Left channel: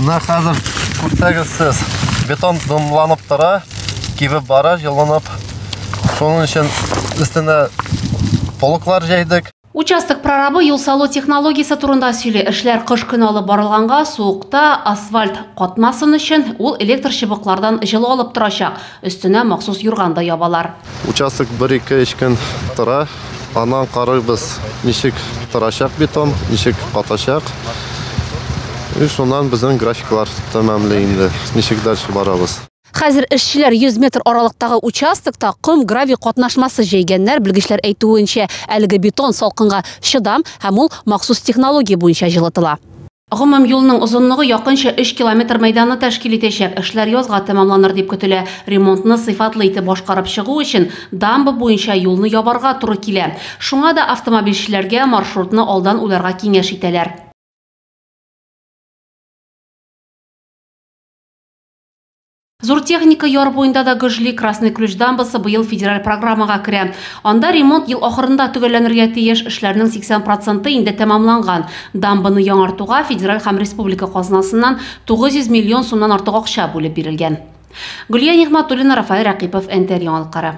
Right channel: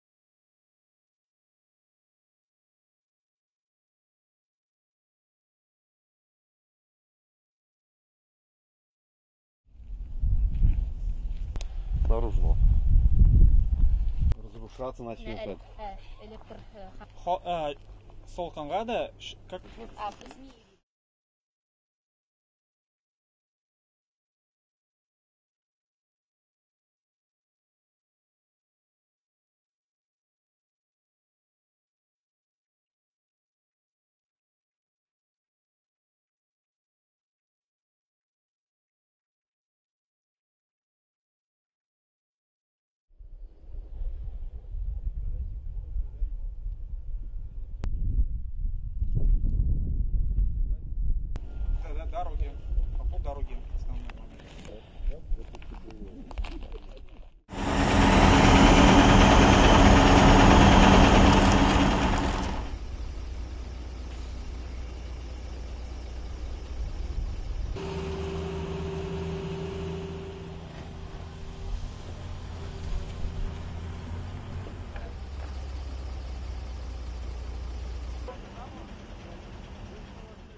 Мына хәзер күрсәгез сез, бетон дымланып тора, кибеп бара, яланып. Шуның өчен өстенә полоклар җәйдек. Участок прорабы юл салу технологиясы турында сөйле. Эшләр кыш көне алып барылганга, суыкта асфальт катмасын өчен ул электр чыбыклардан җылы алып торачак. Өстенә махсус юрганда ябалар. Участок 1-2 көн тора. Аннан карыйбыз, ничек торачак бетон, ничек катачак. Шуннан безнең графиклар тәмамлый инде. Ничек дальше барабыз. Хәзер эшчеләр 100 метр аралыктагы участокта ком гравий катнашмасы җәйгәннәр, белгечләр әйтүенчә, әлеге бетон салкынга чыдам һәм ул махсус технология буенча җылытыла. Гомум юлның озынлыгы якынча 3 километр мәйданны тәшкил итәчәк. Эшләр язга тәмамланыр дип көтелә. Ремонтны сыйфатлы итеп башкарып чыгу өчен дамба буенча юлны ябарга туры килә. Шуңа да автомобильчеләргә маршрутны алдан уйларга киңәш итәләр. Зур техника яр буенда да Гыжли Красный Ключ дамбасы быел федераль программага керә. Анда ремонт ел ахырында төгәлләнергә тиеш, эшләрнең 80% инде тәмамланган. Дамбаны яңартуга федераль һәм республика казнасыннан 900 миллион сумнан артык акча бүлеп бирелгән. Гөлия Нигъмәтуллина, Рафаэль Рәкыйпов, НТР яңалыклары.